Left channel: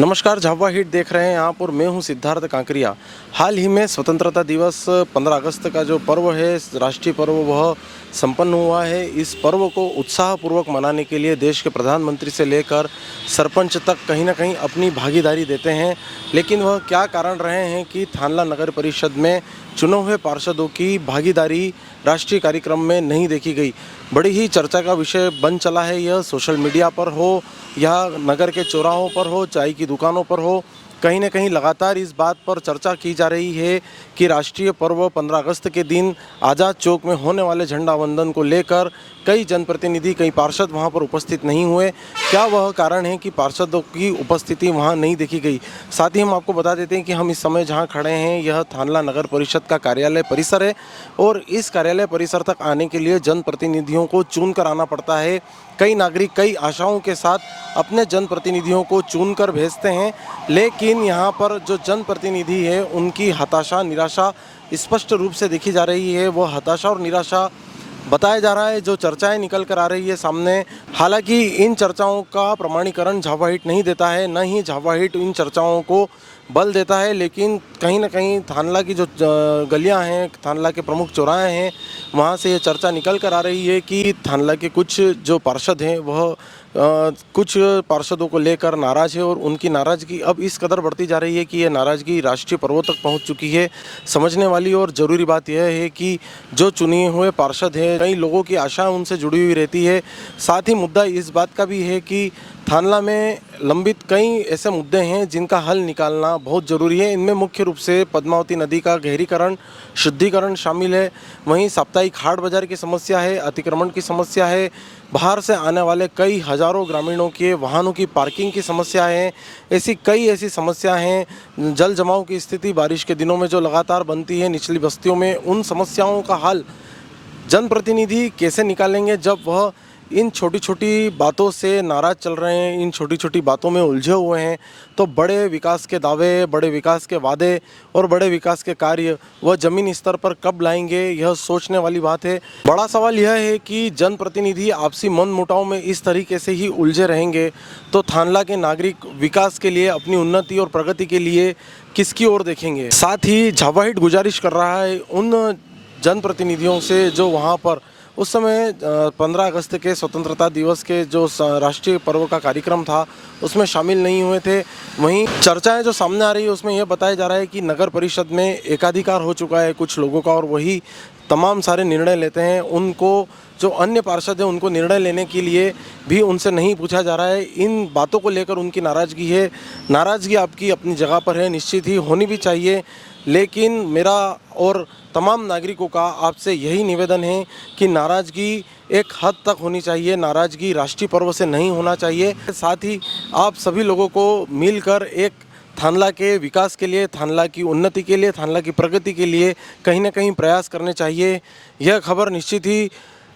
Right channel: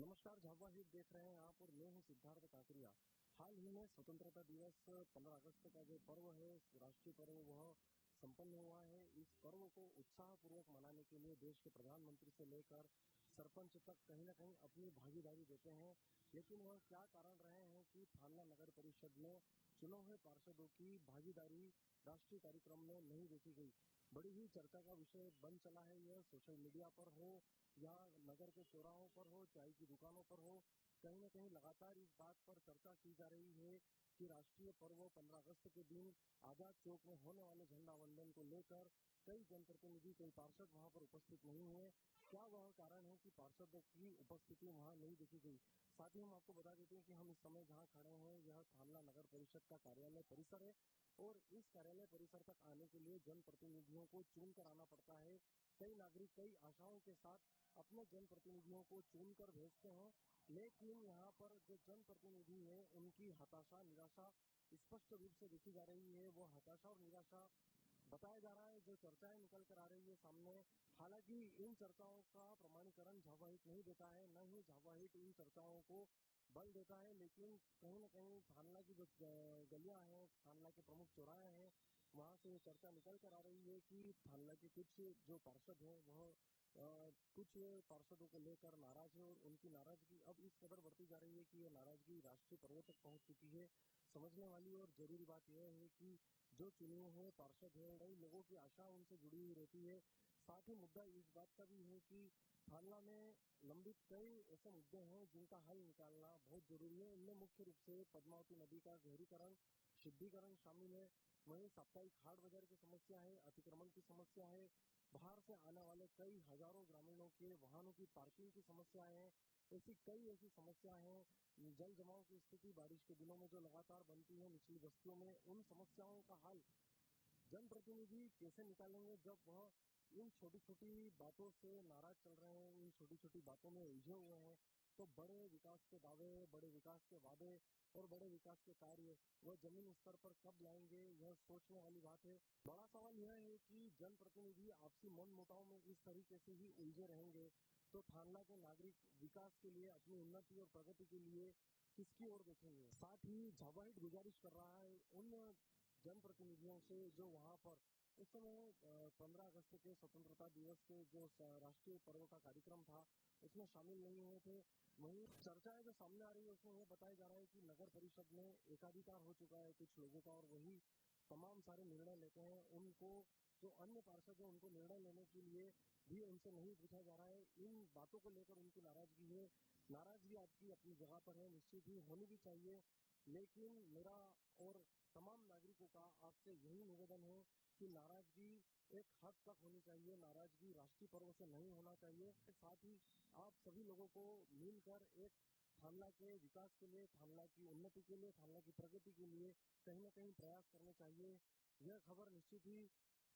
नमस्कार, झाबुआ हिट देख रहे हैं आप और मैं हूं सिद्धार्थ कांकरिया। हाल ही में स्वतंत्रता दिवस 15 अगस्त का जो पर्व है, राष्ट्रीय पर्व, वह संपन्न हुआ है। इस पर्व को उत्साहपूर्वक मनाने के लिए देश के प्रधानमंत्री से लेकर सरपंच तक कहीं ना कहीं अपनी भागीदारी देते हैं। लेकिन वह क्या कारण रहे हैं कि थानला नगर परिषद में चुने हुए पार्षदों की भागीदारी राष्ट्रीय कार्यक्रम में नहीं देखी गई। बड़ी ही चर्चा का विषय बन चला है। यह सोशल मीडिया पर हो या नगर के चौराहों पर हो, चाय की दुकानों पर हो, कहीं न कहीं लगातार इस बात पर चर्चा की जा रही है कि राष्ट्रीय पर्व 15 अगस्त के दिन आज़ाद चौक में होने वाले झंडा वंदन को लेकर कई जनप्रतिनिधि, कई पार्षद वहां पर उपस्थित नहीं हुए। क्या वह कारण है कि पार्षदों की उपस्थिति वहां नहीं देखी गई? साथ ही हम आपको बता देते हैं कि हम इस समय जहां खड़े हैं, यह थानला नगर परिषद का कार्यालय परिसर है और इस कार्यालय परिसर तक आने के लिए जनप्रतिनिधियों को चुन कर आना पड़ता है। कई नागरिक कई आशाओं के साथ अपने जनप्रतिनिधियों को चुनकर भेजते हैं, लेकिन यहाँ पर जो जनप्रतिनिधि है उनकी हताशा, निराशा स्पष्ट रूप से देखी जा रही है। वो हताशा और निराशा बताया जा रहा है, जो चर्चाएं निकल कर आ रही है सामने। हालांकि इन चर्चाओं का प्रमाणीकरण झाबुआ हिट नहीं देता है, न ही झाबुआ हिट इन चर्चाओं को बल देता है, लेकिन कहीं ना कहीं थानला की जो गलियां हैं, थानला के प्रमुख चौराहे हैं, वहां से ये चर्चा निकल कर आ रही है कि थानला के कुछ जो पार्षद हैं वह कुछ पार्षदों को लेकर नाराज़ है और उनकी नाराज़गी अब इस कदर बढ़ती जा रही है कि ये नाराज़गी राष्ट्रीय पर्वों तक पहुंच चुकी है। समझने वाली और ज़रूरी बात यह है कि जो चुने हुए पार्षद हैं, कई लोगों की आशा उनसे जुड़ी हुई रहती है। साथ ही मुद्दा इस बात का भी है कि थानला में लंबित कई ऐसे मुद्दे हैं जिनका हल निकालना बहुत ज़रूरी है। इनमें मुख्य रूप से पद्मावती नदी का गहरीकरण, शुद्धिकरण शामिल है। वहीं साप्ताहिक हाट बाजार की समस्या है, अतिक्रमण की समस्या है, बाहर से आने वाले कई हज़ारों ग्रामीणों के वाहनों की पार्किंग की समस्या है। ऐसी समस्या हैं। जल जमाव की स्थिति बारिश के दिनों में जो लगातार बनती है निचली बस्तियों में, उन समस्याओं का हल जनप्रतिनिधि कैसे निकालेंगे जब वह इन छोटी छोटी बातों से नाराज़ चल रहे हैं, इन छोटी छोटी बातों में उलझे हुए हैं। तो बड़े विकास के दावे, बड़े विकास के वादे और बड़े विकास के कार्य वह ज़मीन स्तर पर कब लाएंगे, यह सोचने वाली बात है। बड़ा सवाल यह है कि जनप्रतिनिधि आपसी मन मुटाव में इस तरीके से ही उलझे रहेंगे तो थानला के नागरिक विकास के लिए, अपनी उन्नति और प्रगति के लिए किसकी ओर देखेंगे? साथ ही झाबुआ हिट गुजारिश कर रहा है उन जनप्रतिनिधियों से जो वहाँ पर उस समय 15 अगस्त के स्वतंत्रता दिवस के जो राष्ट्रीय पर्व का कार्यक्रम था उसमें शामिल नहीं हुए थे। वहीं चर्चाएं जो सामने आ रही है उसमें यह बताया जा रहा है कि नगर परिषद में एकाधिकार हो चुका है कुछ लोगों का और वही तमाम सारे निर्णय लेते हैं। उनको जो अन्य पार्षद हैं उनको निर्णय लेने के लिए भी उनसे नहीं पूछा जा रहा है। इन बातों को लेकर उनकी नाराज़गी है। नाराज़गी आपकी अपनी जगह पर है, निश्चित ही होनी भी चाहिए, लेकिन मेरा और तमाम नागरिकों का आपसे यही निवेदन है कि नाराज़गी एक हद तक होनी चाहिए, नाराज़गी राष्ट्रीय पर्व से नहीं होना चाहिए। साथ ही आप सभी लोगों को मिलकर एक थानला के विकास के लिए, थानला की उन्नति के लिए, थानला की प्रगति के लिए कहीं ना कहीं प्रयास करने चाहिए। यह खबर निश्चित ही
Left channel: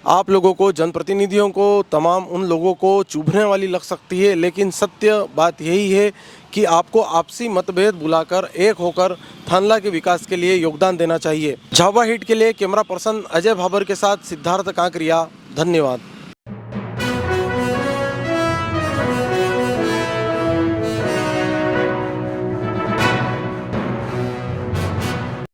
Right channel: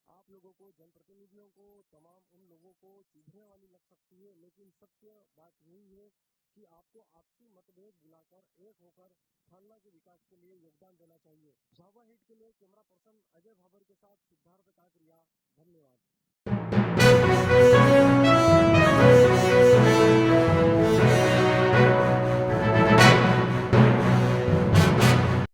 आप लोगों को, जनप्रतिनिधियों को, तमाम उन लोगों को चुभने वाली लग सकती है, लेकिन सत्य बात यही है कि आपको आपसी मतभेद भुलाकर एक होकर थानला के विकास के लिए योगदान देना चाहिए। झाबुआ हिट के लिए कैमरा पर्सन अजय भाबर के साथ सिद्धार्थ कांकरिया, धन्यवाद।